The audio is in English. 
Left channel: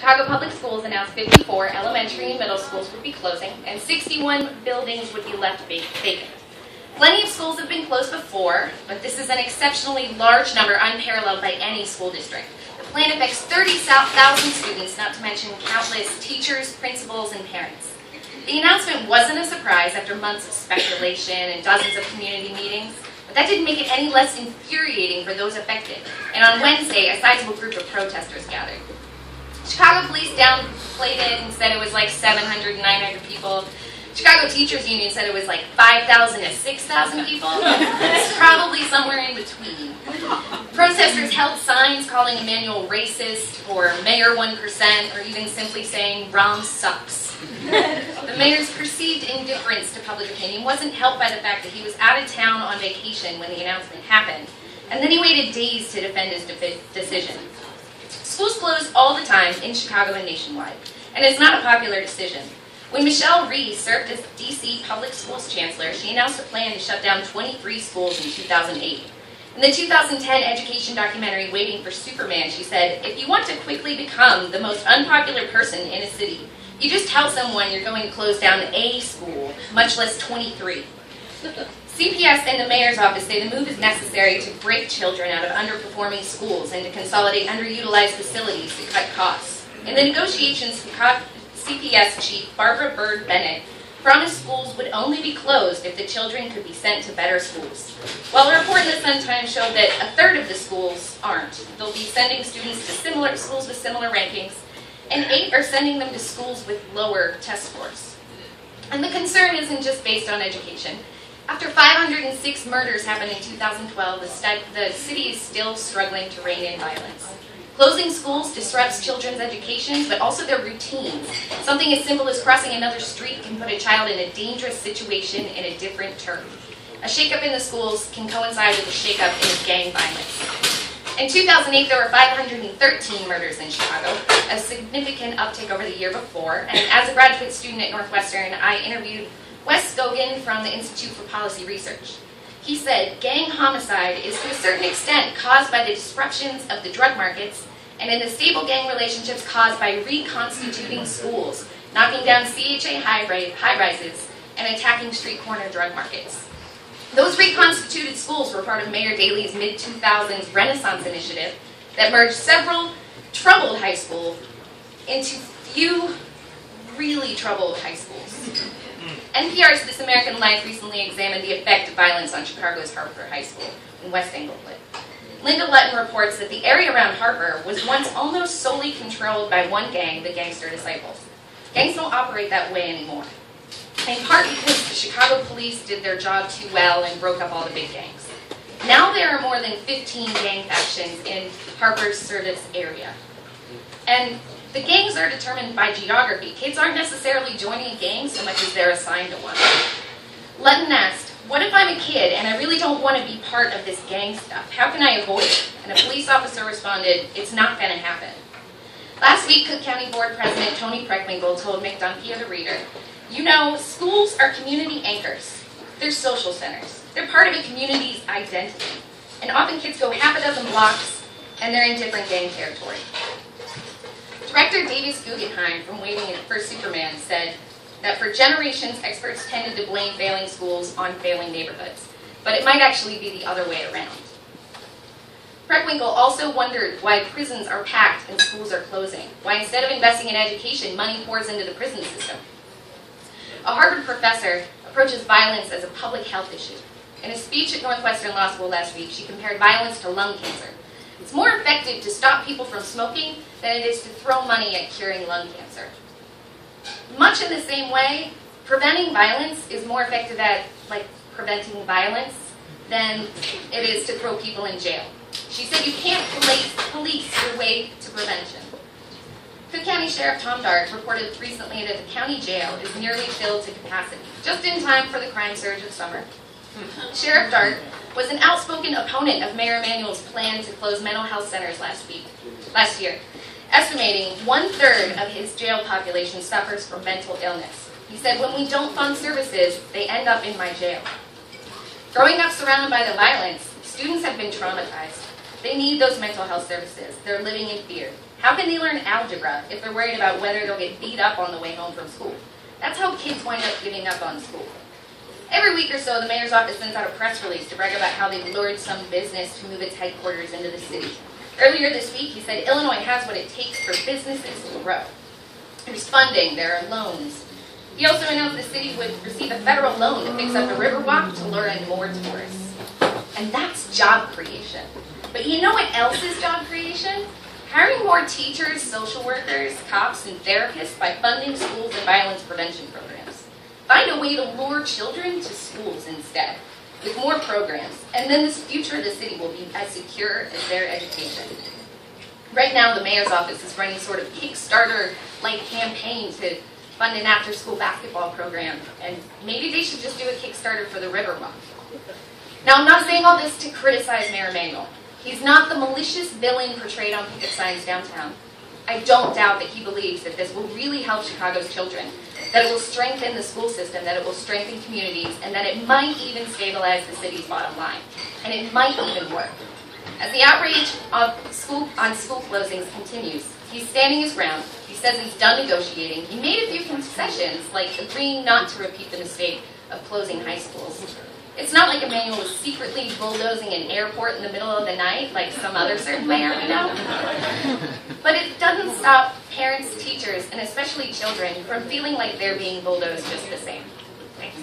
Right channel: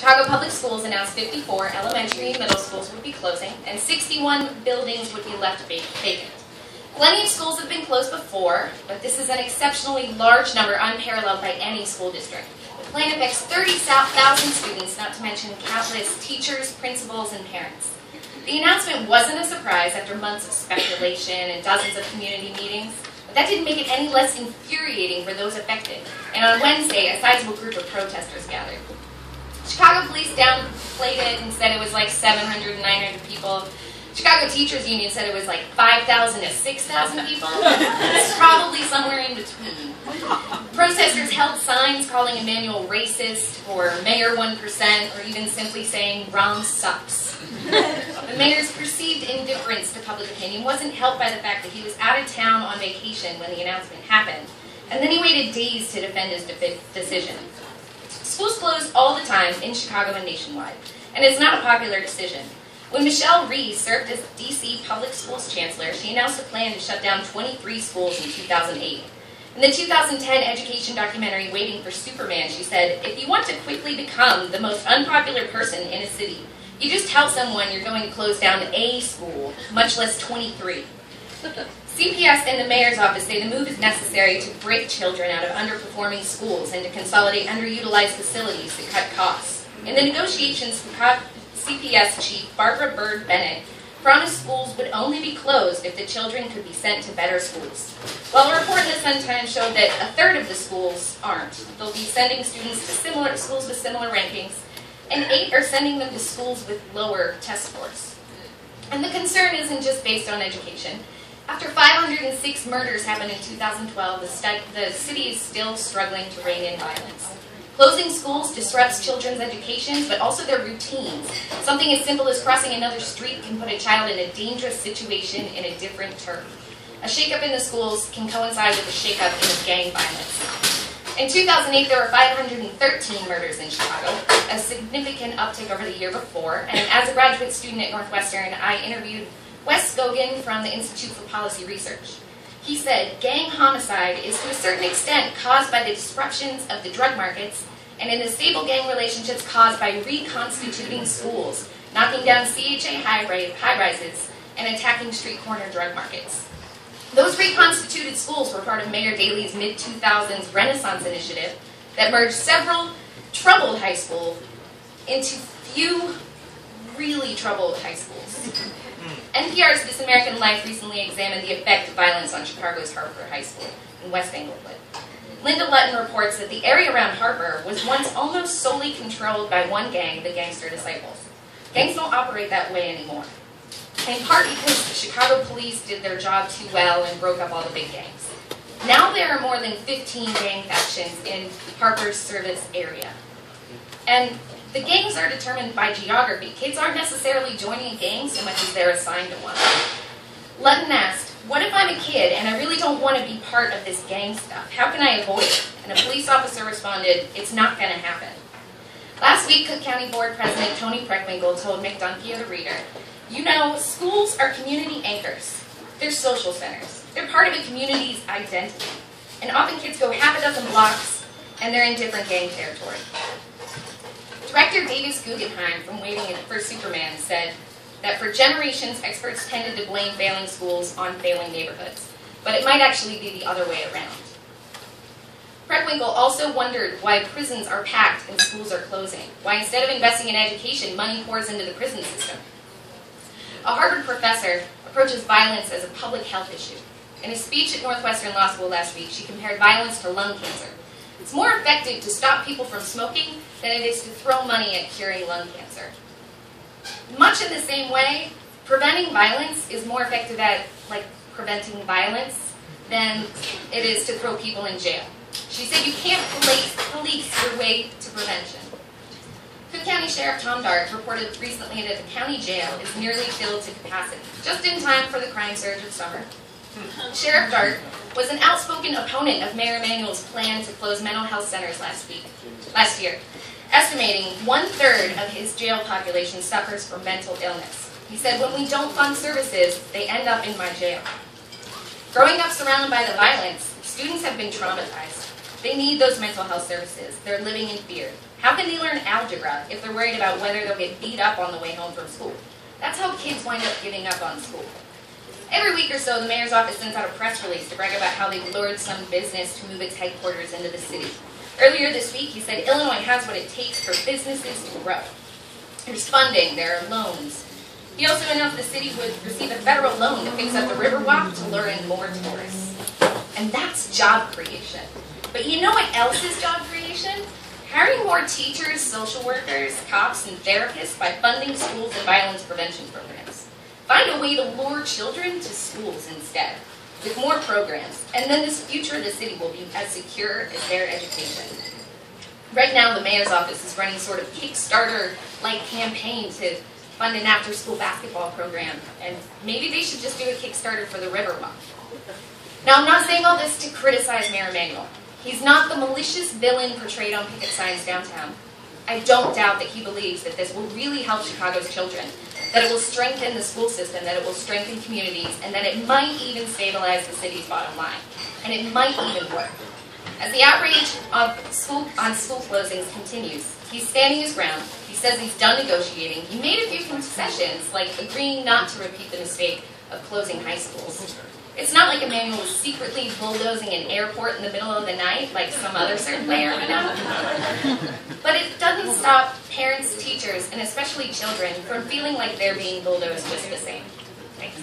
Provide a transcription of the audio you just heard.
Chicago Public Schools announced 54 elementary and middle schools would be closing, and 61 buildings would be left vacant. Plenty of schools have been closed before, but this is an exceptionally large number, unparalleled by any school district. The plan affects 30,000 students, not to mention countless teachers, principals, and parents. The announcement wasn't a surprise after months of speculation and dozens of community meetings, but that didn't make it any less infuriating for those affected. And on Wednesday, a sizable group of protesters gathered. Chicago police downplayed it and said it was like 700 to 900 people. Chicago Teachers Union said it was like 5,000 to 6,000 people. It's probably somewhere in between. Protesters held signs calling Emanuel racist, or Mayor 1%, or even simply saying, "Rom sucks." The mayor's perceived indifference to public opinion wasn't helped by the fact that he was out of town on vacation when the announcement happened, and then he waited days to defend his decision. Schools close all the time in Chicago and nationwide, and it's not a popular decision. When Michelle Rhee served as D.C. Public Schools Chancellor, she announced a plan to shut down 23 schools in 2008. In the 2010 education documentary, Waiting for Superman, she said, "If you want to quickly become the most unpopular person in a city, you just tell someone you're going to close down a school, much less 23. CPS and the mayor's office say the move is necessary to break children out of underperforming schools and to consolidate underutilized facilities to cut costs. In the negotiations, CPS Chief Barbara Bird Bennett promised schools would only be closed if the children could be sent to better schools. While a report in the Sun-Times showed that a third of the schools aren't, they'll be sending students to similar schools with similar rankings, and 8 are sending them to schools with lower test scores. And the concern isn't just based on education. After 506 murders happened in 2012, the city is still struggling to rein in violence. Closing schools disrupts children's education, but also their routines. Something as simple as crossing another street can put a child in a dangerous situation in a different term. A shakeup in the schools can coincide with a shakeup in gang violence. In 2008, there were 513 murders in Chicago, a significant uptick over the year before, and as a graduate student at Northwestern, I interviewed Wes Gogan from the Institute for Policy Research. He said, "Gang homicide is to a certain extent caused by the disruptions of the drug markets and in the stable gang relationships caused by reconstituting schools, knocking down CHA high-rises, and attacking street corner drug markets. Those reconstituted schools were part of Mayor Daley's mid-2000s Renaissance initiative that merged several troubled high schools into few really troubled high schools." NPR's This American Life recently examined the effect of violence on Chicago's Harper High School in West Englewood. Linda Lutton reports that the area around Harper was once almost solely controlled by one gang, the Gangster Disciples. Gangs don't operate that way anymore, in part because the Chicago police did their job too well and broke up all the big gangs. Now there are more than 15 gang factions in Harper's service area. And the gangs are determined by geography. Kids aren't necessarily joining a gang so much as they're assigned to one. Lutton asked, "What if I'm a kid and I really don't want to be part of this gang stuff? How can I avoid it?" And a police officer responded, "It's not going to happen." Last week, Cook County Board President Tony Preckwinkle told Mick Dunkey of the Reader, "You know, schools are community anchors. They're social centers. They're part of a community's identity. And often kids go half a dozen blocks and they're in different gang territory." Director Davis Guggenheim from Waiting for Superman said that for generations, experts tended to blame failing schools on failing neighborhoods, but it might actually be the other way around. Preckwinkle also wondered why prisons are packed and schools are closing, why instead of investing in education, money pours into the prison system. A Harvard professor approaches violence as a public health issue. In a speech at Northwestern Law School last week, she compared violence to lung cancer. It's more effective to stop people from smoking than it is to throw money at curing lung cancer. Much in the same way, preventing violence is more effective at preventing violence than it is to throw people in jail. She said you can't police your way to prevention. Cook County Sheriff Tom Dart reported recently that the county jail is nearly filled to capacity, just in time for the crime surge of summer. Sheriff Dart was an outspoken opponent of Mayor Emanuel's plan to close mental health centers last year, estimating 1/3 of his jail population suffers from mental illness. He said, "When we don't fund services, they end up in my jail." Growing up surrounded by the violence, students have been traumatized. They need those mental health services. They're living in fear. How can they learn algebra if they're worried about whether they'll get beat up on the way home from school? That's how kids wind up giving up on school. Every week or so, the mayor's office sends out a press release to brag about how they've lured some business to move its headquarters into the city. Earlier this week, he said Illinois has what it takes for businesses to grow. There's funding, there are loans. He also announced the city would receive a federal loan to fix up the Riverwalk to lure in more tourists. And that's job creation. But you know what else is job creation? Hiring more teachers, social workers, cops, and therapists by funding schools and violence prevention programs. Find a way to lure children to schools instead, with more programs, and then this future of the city will be as secure as their education. Right now, the mayor's office is running sort of Kickstarter-like campaign to fund an after-school basketball program, and maybe they should just do a Kickstarter for the Riverwalk. Now, I'm not saying all this to criticize Mayor Emanuel. He's not the malicious villain portrayed on picket signs downtown. I don't doubt that he believes that this will really help Chicago's children, that it will strengthen the school system, that it will strengthen communities, and that it might even stabilize the city's bottom line. And it might even work. As the outrage on school closings continues, he's standing his ground. He says he's done negotiating. He made a few concessions, like agreeing not to repeat the mistake of closing high schools. It's not like Emanuel was secretly bulldozing an airport in the middle of the night, like some other certain mayor we know. But it doesn't stop parents, teachers, and especially children from feeling like they're being bulldozed just the same. Thanks.